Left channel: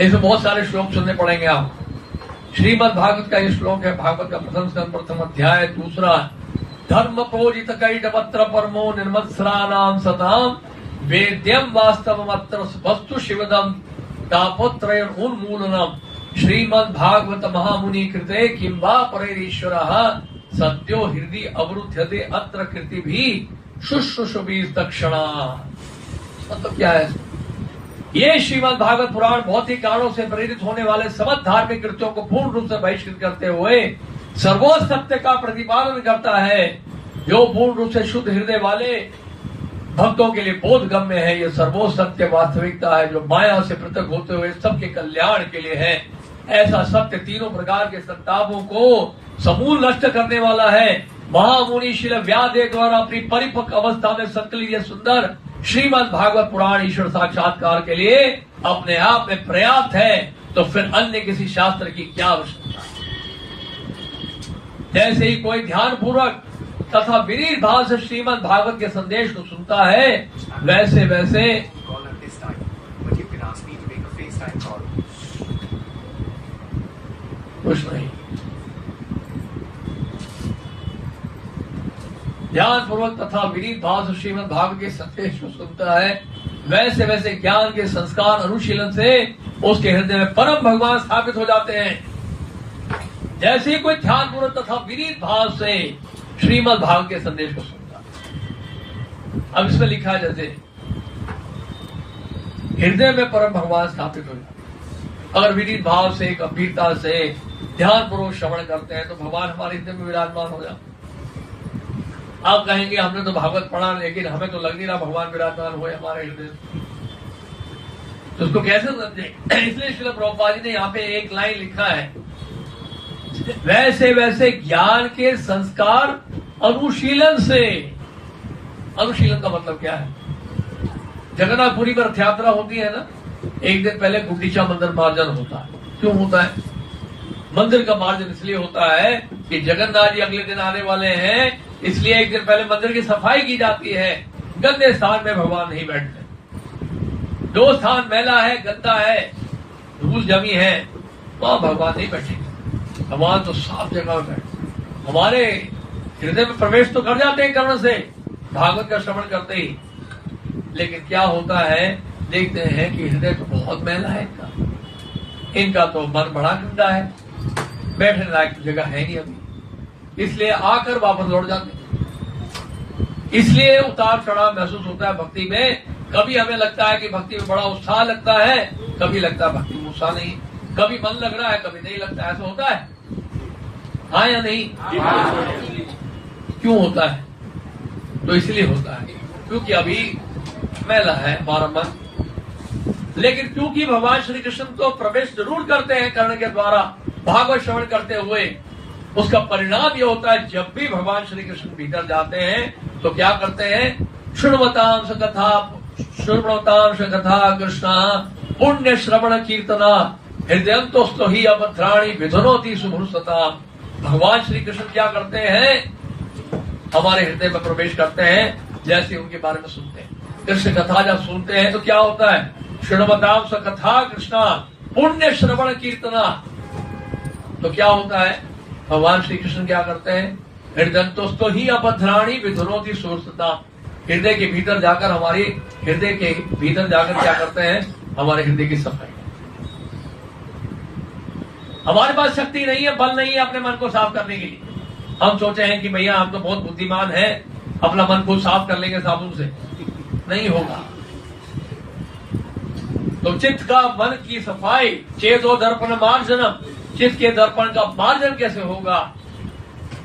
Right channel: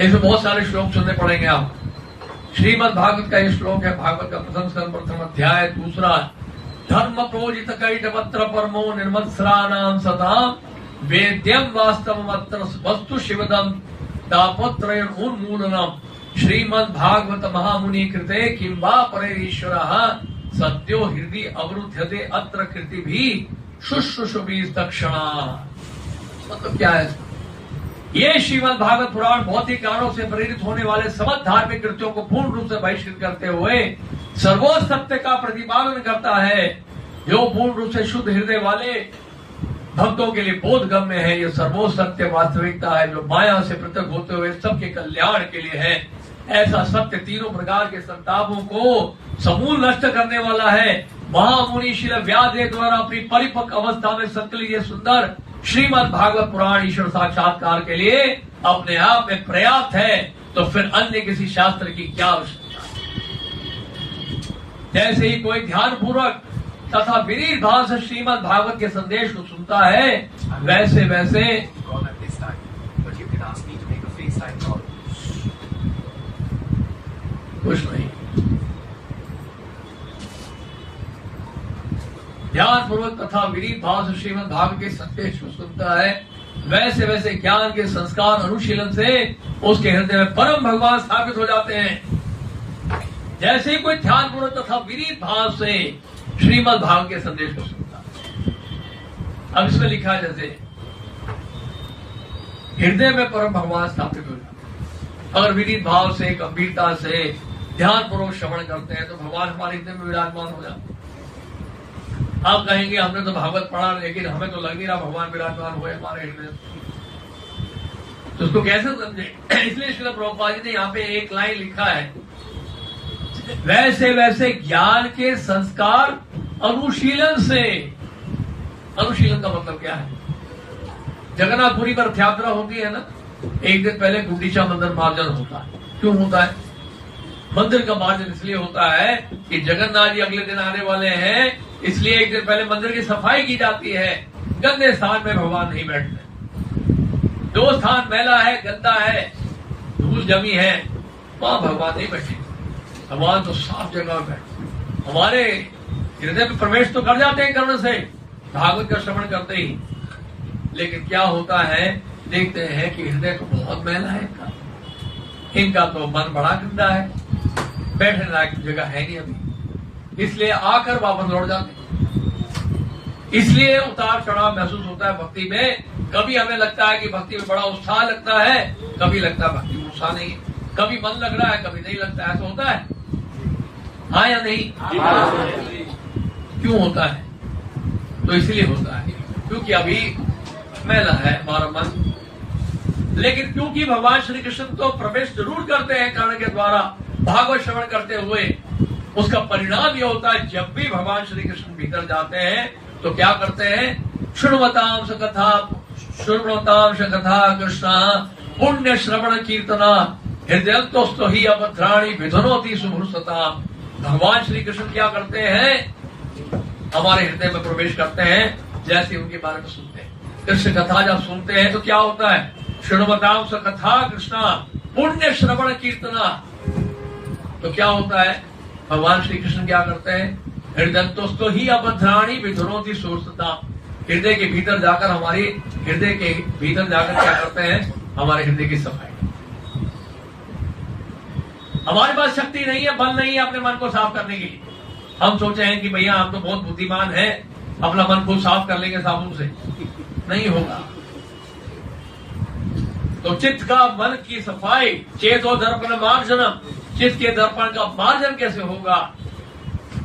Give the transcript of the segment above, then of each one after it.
ऐसे बहुत सारे श्लोक सुनने पड़ेंगे आप। श्रीमद् भागवत का ये श्लोक है, भागवत का प्रथम स्कंद प्रथम अध्याय दूसरा। धर्म प्रोजित कैटवत्र परमो निर्मत्सराणाम सताम वेद्यम वास्तवमत्र वस्तु शिवदम तापत्रय उन्मूलनम श्रीमद् भागवत महामुनि कृते किं वा परेरीश्वरः सद्यो हृदय अवरुध्यते अत्र कृति भी शुश्रूषुभि दक्षिणा। मतलब क्या है? ये श्रीमद् भागवत पुराण भौतिक कारणों से प्रेरित होने वाले समस्त धार्मिक कृत्यों को पूर्ण रूप से बहिष्कृत करते हुए सर्वोच्च सत्य का प्रतिपादन करता है, जो पूर्ण रूप से शुद्ध हृदय वाले भक्तों के लिए बोधगम्य है। यह सर्वोच्च सत्य वास्तविकता है, जो माया से पृथक होते हुए सबके कल्याण के लिए है। ऐसा सत्य तीनों प्रकार के संतापों को समूल नष्ट करने वाला है। महामुनि श्री व्यासदेव द्वारा अपनी परिपक्व अवस्था में संकलित यह सुंदर श्रीमद् भागवत पुराण ईश्वर साक्षात्कार के लिए अपने आप में पर्याप्त है, तो फिर अन्य किसी शास्त्र की क्या आवश्यकता? जैसे ही कोई ध्यान पूर्वक तथा विनीत भाव से श्रीमद् भागवत के संदेश को सुनता है, वैसे वैसे कुछ नहीं, ध्यान पूर्वक तथा विनीत भाव से श्रीमद् भागवत के संदेश को सुनता है, वैसे वैसे ज्ञान के संस्कार अनुशीलन से उसके हृदय में परम भगवान स्थापित हो जाते हैं। जैसे ही कोई ध्यान पूर्वक तथा विनीत भाव से श्रीमद् भागवत के संदेश को सुनता है। अब इसमें लिखा है जैसे हृदय में परम भगवान स्थापित हो जाते हैं। अगर विनीत भाव से गंभीरता से ध्यान पूर्वक श्रवण करते हैं तो भगवान हमारे हृदय में विराजमान हो जाते हैं। आप कहेंगे हमने तो भागवत पढ़ा, लेकिन हमें तो लग नहीं रहा भगवान विराजमान हुए हमारे हृदय में, तो उसको कैसे समझे? इसलिए श्रील प्रभुपाद जी ने यहाँ पे एक लाइन लिखा है, वैसे वैसे ज्ञान के संस्कार अनुशीलन से। अनुशीलन का मतलब क्या है? जगन्नाथपुरी पर रथ यात्रा होती है ना, एक दिन पहले गुंडीचा मंदिर मार्जन होता है। क्यों होता है? मंदिर का मार्जन इसलिए होता है कि जगन्नाथ जी अगले दिन आने वाले हैं, इसलिए एक दिन पहले मंदिर की सफाई की जाती है। गंदे स्थान में भगवान नहीं बैठते। जो स्थान मैला है, गंदा है, धूल जमी है, वहां भगवान नहीं बैठे। भगवान तो साफ जगह में बैठे। हमारे हृदय में प्रवेश तो कर जाते हैं कर्ण से, भागवत का श्रवण करते ही, लेकिन क्या होता है, देखते हैं कि हृदय तो बहुत मैला है इनका तो मन बड़ा गंदा है, बैठने लायक जगह है नहीं अभी, इसलिए आकर वापस लौट जाते हैं। इसलिए उतार चढ़ाव महसूस होता है भक्ति में। कभी हमें लगता है कि भक्ति में बड़ा उत्साह लगता है, कभी लगता है भक्ति में उत्साह नहीं, कभी मन लग रहा है, कभी नहीं लगता है। ऐसा होता है, हाँ या नहीं? क्यों होता है? तो इसलिए होता है क्योंकि अभी मैला है हमारा मन। लेकिन क्योंकि भगवान श्री कृष्ण तो प्रवेश जरूर करते हैं कर्ण के द्वारा भागवत श्रवण करते हुए, उसका परिणाम यह होता है जब भी भगवान श्री कृष्ण भीतर जाते हैं तो क्या करते हैं? श्रृण्वतां स कथा कृष्ण पुण्य श्रवण कीर्तना हृदयंतोस्तो ही अभद्राणि विधुनोति सुभुर्सता। भगवान श्री कृष्ण क्या करते हैं? हमारे हृदय में प्रवेश करते हैं। जैसे उनके बारे में सुनते हैं, कृष्ण कथा जब सुनते हैं तो क्या होता है? श्रृण्वतां स कथा कृष्ण पुण्य श्रवण कीर्तना। तो क्या होता है? भगवान श्री कृष्ण क्या करते हैं? हृदयंतोस्तो ही अभद्राणि विधुनोति सुभुर्सता। हृदय के भीतर जाकर क्या करते हैं? हमारे हृदय की सफाई। हमारे पास शक्ति नहीं है, बल नहीं है अपने मन को साफ करने के लिए। हम सोचे हैं कि भैया हम तो बहुत बुद्धिमान हैं, अपना मन को साफ कर लेंगे साबुन से। नहीं होगा। तो चित्त का मन की सफाई, चेतो दर्पण मार्जनम, चित्त के दर्पण का मार्जन कैसे होगा?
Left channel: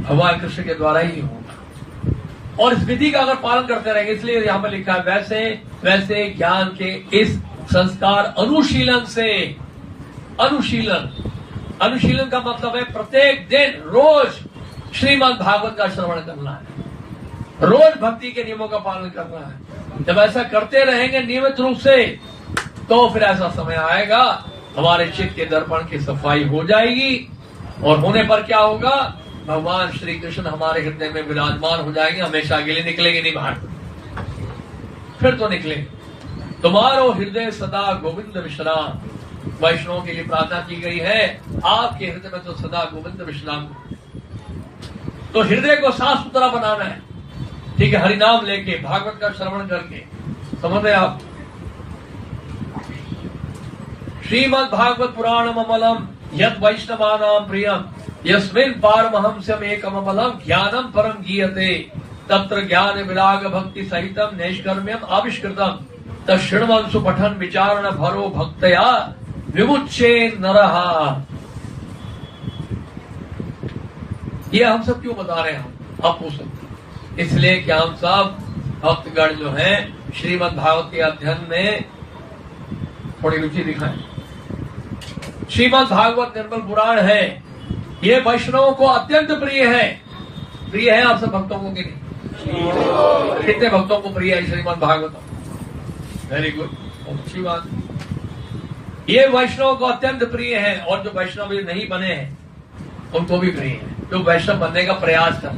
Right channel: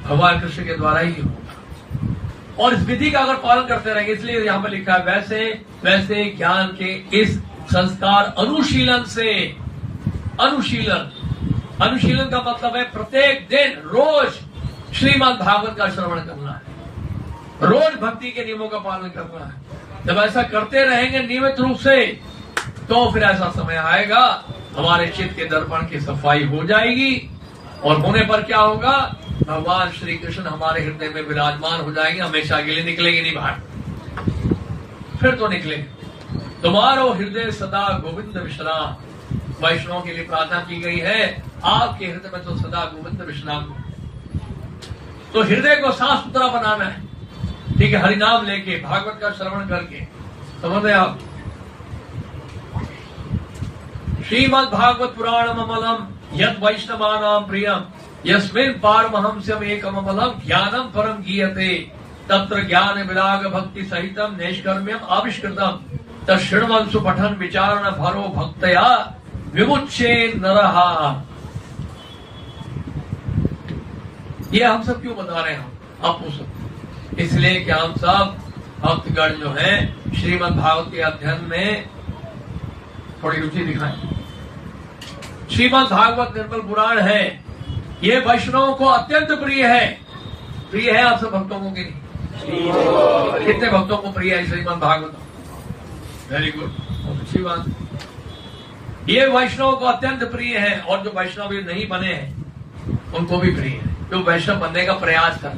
भगवान कृष्ण के द्वारा ही होगा। और इस विधि का अगर पालन करते रहेंगे, इसलिए यहाँ पर लिखा है वैसे वैसे ज्ञान के इस संस्कार अनुशीलन से। अनुशीलन का मतलब है प्रत्येक दिन रोज श्रीमद् भागवत का श्रवण करना है, रोज भक्ति के नियमों का पालन करना है। जब ऐसा करते रहेंगे नियमित रूप से, तो फिर ऐसा समय आएगा हमारे चित्त के दर्पण की सफाई हो जाएगी, और होने पर क्या होगा? भगवान श्री कृष्ण हमारे हृदय में विराजमान हो जाएंगे। हमेशा के लिए निकलेंगे नहीं बाहर, फिर तो निकलेंगे। तुम्हारो हृदय सदा गोविंद विश्राम, वैष्णव के लिए प्रार्थना की गई है, आपके हृदय में तो सदा गोविंद विश्राम हो। तो हृदय को साफ सुथरा बनाना है, ठीक है, हरिनाम लेके, भागवत का श्रवण करके, समझ रहे आप। श्रीमद् भागवत पुराणम अमलम यद वैष्णवानां प्रियम यस्मिन् पारमहंस्यम एकम अमलम ज्ञानम परम गीयते तत्र ज्ञान विराग भक्ति सहितम नैष्कर्म्यम आविष्कृतम तृण्वंशु पठन विचारण भरो भक्तया विमुच्चे नरहा। ये हम सब क्यों बता रहे हैं, आप पूछ सकते, इसलिए कि हम सब भक्तगण जो है श्रीमद् भागवत के अध्ययन में थोड़ी रुचि दिखाएं। श्रीमद् भागवत निर्मल पुराण है, ये वैष्णवों को अत्यंत प्रिय है। प्रिय है आप सब भक्तों को कि नहीं? कितने भक्तों को प्रिय है श्रीमद् भागवत? वेरी गुड, बहुत अच्छी बात। ये वैष्णव को अत्यंत प्रिय है, और जो वैष्णव भी नहीं बने हैं उनको भी प्रिय है, जो वैष्णव बनने का प्रयास कर।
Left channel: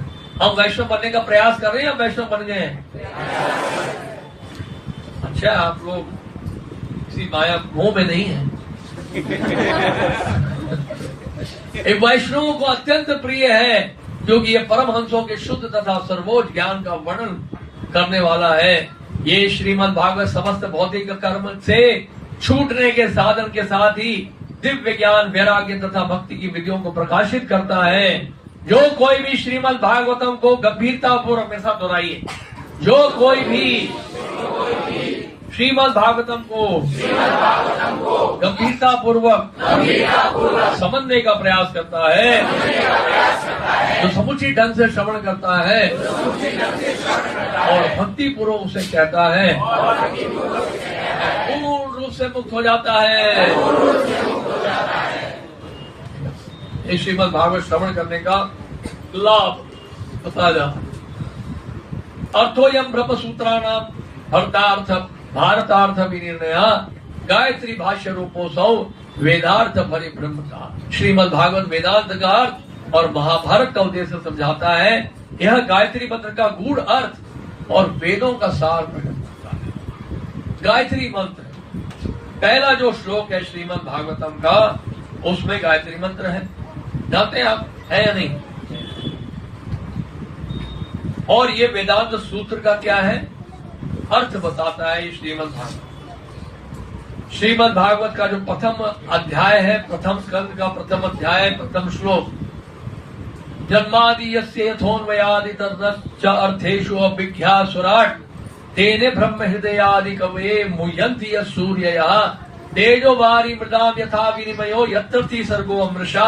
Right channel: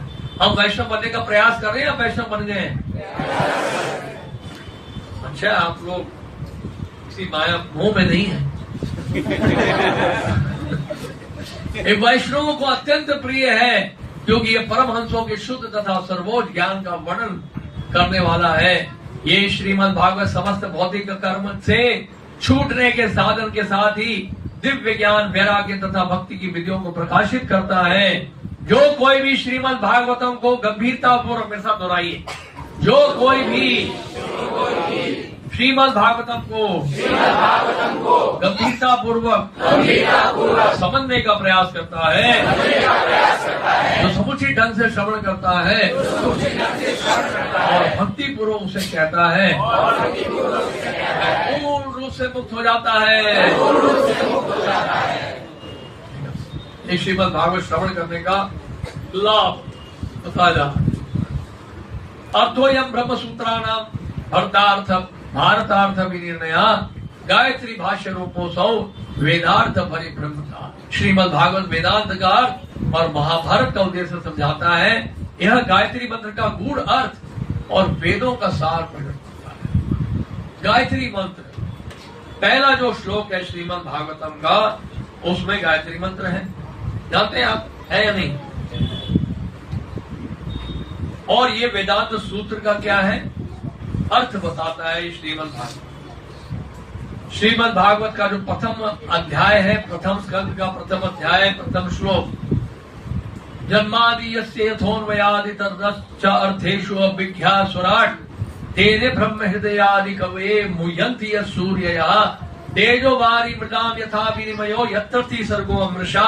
हम वैष्णव बनने का प्रयास कर रहे हैं या वैष्णव बन गए हैं? अच्छा, आप लोग किसी माया मोह में नहीं है। एक वैष्णव को अत्यंत प्रिय है, क्योंकि ये परमहंसों के शुद्ध तथा सर्वोच्च ज्ञान का वर्णन करने वाला है। ये श्रीमद् भागवत समस्त भौतिक कर्म से छूटने के साधन के साथ ही दिव्य ज्ञान, वैराग्य तथा भक्ति की विधियों को प्रकाशित करता है। जो कोई भी श्रीमद् भागवतम को गंभीरता पूर्वक, मेरे साथ दोहराइए, जो कोई भी श्रीमद् भागवतम को गंभीरता पूर्वक समझने का प्रयास करता है, जो समुचित ढंग से श्रवण करता है और भक्ति पूर्वक उसे कहता है, पूर्ण रूप से मुक्त हो जाता है। इस श्रीमद् भागवत श्रवण करने का लाभ बताया जा रहा है। अर्थोयम ब्रह्म सूत्राणाम भरतार्थ भारतार्थ विनिर्णया गायत्री भाष्य रूपोसौ वेदार्थ परिब्रह्म का। श्रीमद् भागवत वेदांत का अर्थ और महाभारत का उद्देश्य समझाता है। यह गायत्री मंत्र का गूढ़ अर्थ और वेदों का सार प्रकट करता है। गायत्री मंत्र पहला जो श्लोक है श्रीमद् भागवतम का, उसमें गायत्री मंत्र है, जानते हैं आप, है या नहीं? और ये वेदांत सूत्र का क्या है, अर्थ बताता है श्रीमद् भागवत। श्रीमद् भागवत का जो प्रथम अध्याय है, प्रथम स्कंद का प्रथम अध्याय, प्रथम श्लोक, जन्मादि यस्य यथोन्वयादि तद्रश्च अर्थेषु अभिज्ञासुराट् तेने ब्रह्म हृदयादि कवये मुह्यन्ति यस्सूर्ययः तेजो वारि मृदाम यथा विनिमयो यत्र सर्गो अमृषा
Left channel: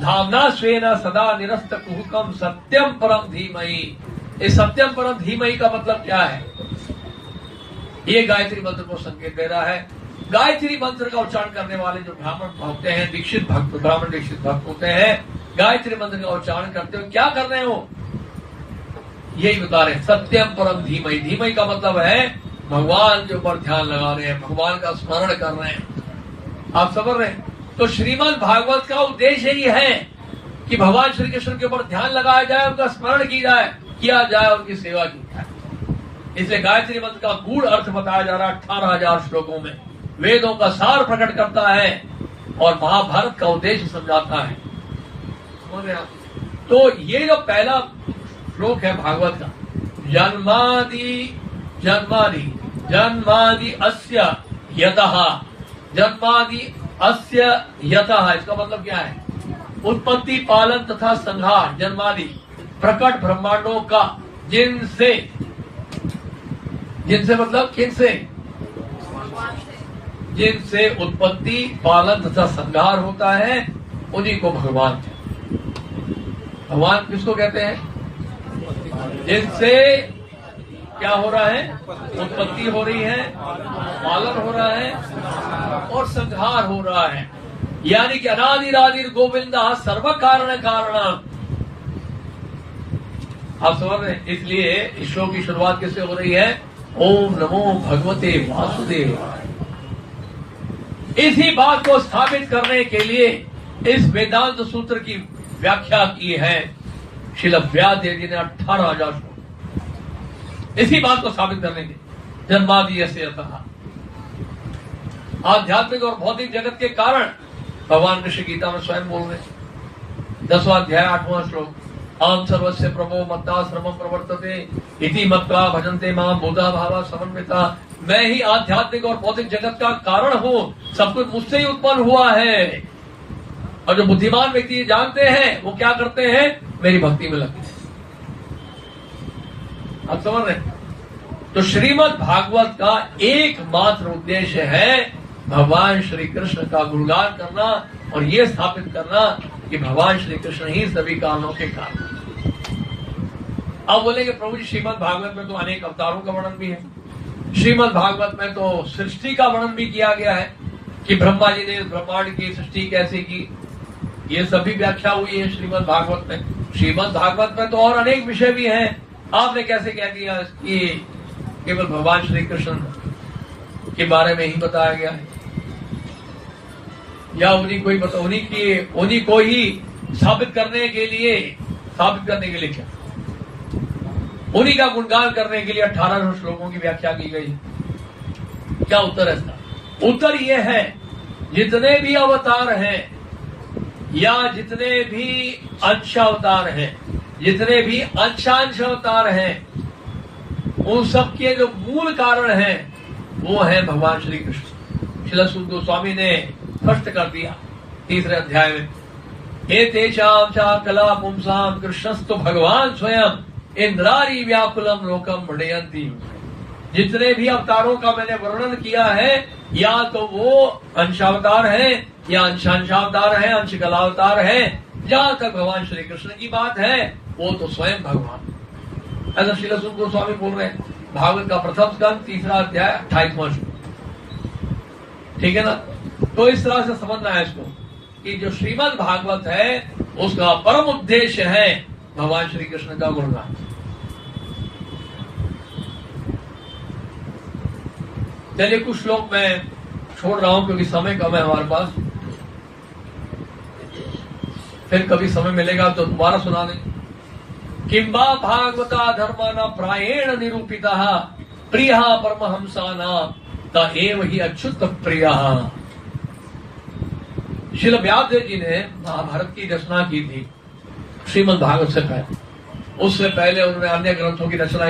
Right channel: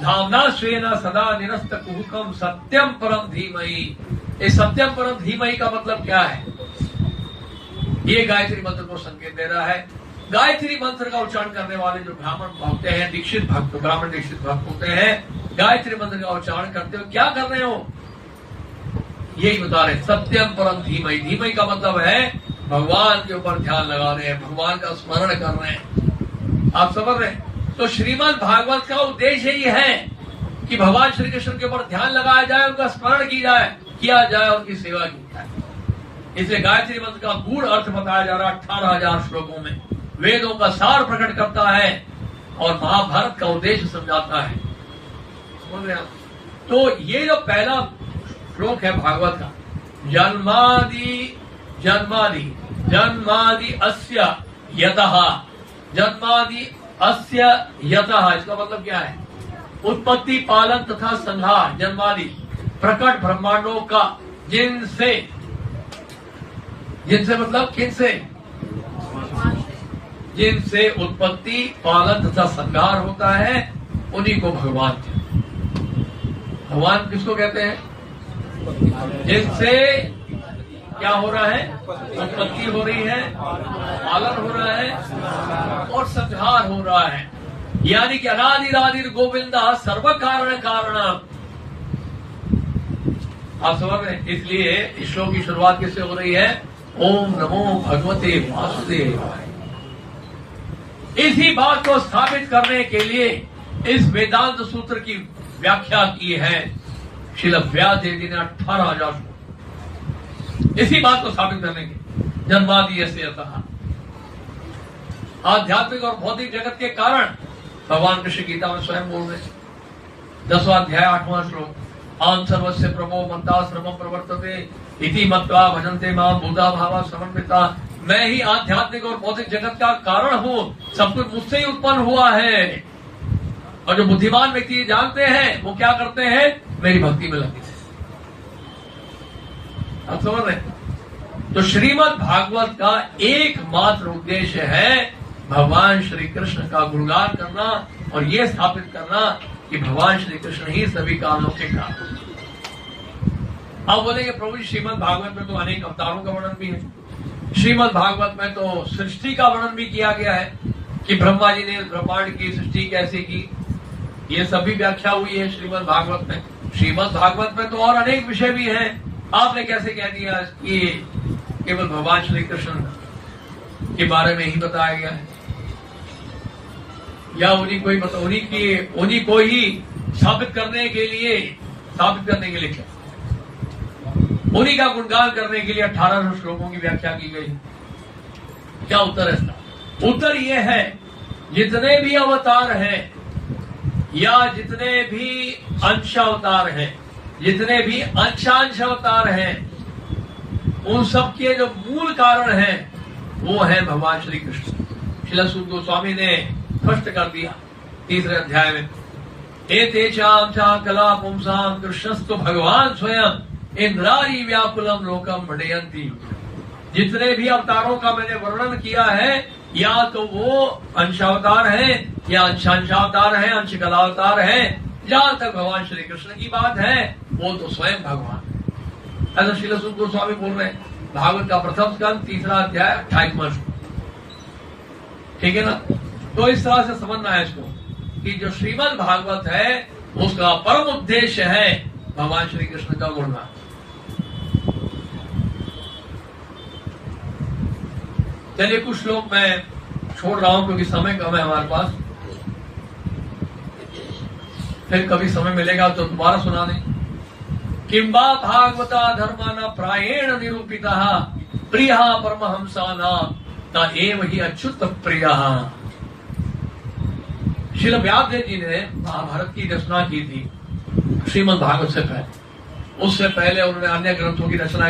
धाम्ना स्वेन सदा निरस्त कुहुकम सत्यम परम धीमहि। इस सत्यम परम धीमहि का मतलब क्या है? ये गायत्री मंत्र को संकेत दे रहा है। गायत्री मंत्र का उच्चारण करने वाले जो ब्राह्मण होते हैं, दीक्षित भक्त, ब्राह्मण दीक्षित भक्त होते हैं, गायत्री मंत्र का उच्चारण करते हो क्या कर रहे हो? यही बता रहे, सत्यम परम धीमहि। धीमहि का मतलब है भगवान के ऊपर ध्यान लगा रहे हैं, भगवान का स्मरण कर रहे हैं। आप समझ रहे हैं? तो श्रीमद् भागवत का उद्देश्य ही है कि भगवान श्री कृष्ण के ऊपर ध्यान लगाया जाए, उनका स्मरण किया जाए, उनकी सेवा की जाए। इसलिए गायत्री मंत्र का गूढ़ अर्थ बताया जा रहा है 18,000 श्लोकों में, वेदों का सार प्रकट करता है और महाभारत का उद्देश्य समझाता है। समझ रहे हैं? तो ये जो पहला श्लोक है भागवत का, जन्मादि अस्य यतः, जन्मादि अस्य यतः, इसका मतलब क्या है? उत्पत्ति, पालन तथा संहार, जन्मादि प्रकट ब्रह्मांडों का, जिनसे मतलब किनसे? जिनसे उत्पत्ति, पालन तथा संहार होता है, उन्हीं को भगवान कहते हैं। भगवान किसको कहते हैं? जिनसे क्या हो रहा है? उत्पत्ति हो रही है, पालन हो रहा है और संहार हो रहा है। यानी कि अनादिरादिर गोविंद सर्व कारण आप समझ रहे हैं? इसलिए इस शो की शुरुआत किससे हो रही है? ओम नमो भगवते वासुदेवाय। इसी बात को स्थापित करने के लिए इस वेदांत सूत्र की व्याख्या की है श्रील व्यास देव जी ने 18,000 श्लोक, इसी बात को साबित करने के। जन्मादि से यतः, आध्यात्मिक और भौतिक जगत के कारण भगवान कृष्ण गीता में स्वयं बोल रहे हैं। 10वां अध्याय 8वां श्लोक, आम सर्वस्य प्रभो मत्ता श्रमं प्रवर्तते इति मत्वा भजन्ते मां बुधा भावा समन्विता। मैं ही आध्यात्मिक और भौतिक जगत का कारण हूँ, सब कुछ मुझसे ही उत्पन्न हुआ है। और जो बुद्धिमान व्यक्ति जानते हैं वो क्या करते हैं, मेरी भक्ति में लगते हैं। आप समझ रहे? तो श्रीमद् भागवत का एकमात्र उद्देश्य है भगवान श्री कृष्ण का गुणगान करना और ये स्थापित करना कि भगवान श्री कृष्ण ही सभी कामों के कारण। अब बोलेंगे प्रभु जी श्रीमद् भागवत में तो अनेक अवतारों का वर्णन भी है, श्रीमद् भागवत में तो सृष्टि का वर्णन भी किया गया है कि ब्रह्मा जी ने ब्रह्मांड की सृष्टि कैसे की, ये सभी व्याख्या हुई है श्रीमद् भागवत में। श्रीमद् भागवत में तो और अनेक विषय भी हैं। आपने कैसे कह दिया कि केवल भगवान श्री कृष्ण के बारे में ही बताया गया है, या उन्हीं को ही साबित करने के लिए क्या, उन्हीं का गुणगान करने के लिए 1800 श्लोकों की व्याख्या की गई। क्या उत्तर है इसका? उत्तर यह है, जितने भी अवतार हैं या जितने भी अंशावतार हैं, जितने भी अंशांश अवतार हैं, उन सब के जो मूल कारण हैं वो है भगवान श्री कृष्ण। श्रील सूत गोस्वामी ने स्पष्ट कर दिया 3रे अध्याय में, एतेषां च कला पुंसां कृष्णस्तु भगवान स्वयं इंद्रारी व्याकुलम लोकम भणयन्ति। जितने भी अवतारों का मैंने वर्णन किया है, या तो वो अंशावतार है या अंशावतार है, अंश कलावतार है, जहां तक भगवान श्री कृष्ण की बात है वो तो स्वयं भगवान। ऐसा श्रील सूत गोस्वामी बोल रहे हैं, भागवत का प्रथम स्कंद 3रा अध्याय 28वां श्लोक। ठीक है ना? तो इस तरह से समझना है इसको कि जो श्रीमद् भागवत है उसका परम उद्देश्य है भगवान श्री कृष्ण का गुणगान। चलिए कुछ श्लोक मैं छोड़ रहा हूं क्योंकि समय कम है हमारे पास, फिर कभी समय मिलेगा तो दोबारा सुना दें। किंबा भागवता धर्माना प्रायेण निरूपिता प्रिया परमहंसाना ता एव ही अच्युत प्रिया। श्रील व्यासदेव जी ने महाभारत की रचना की थी श्रीमद् भागवत से पहले, उससे पहले उन्होंने अन्य ग्रंथों की रचना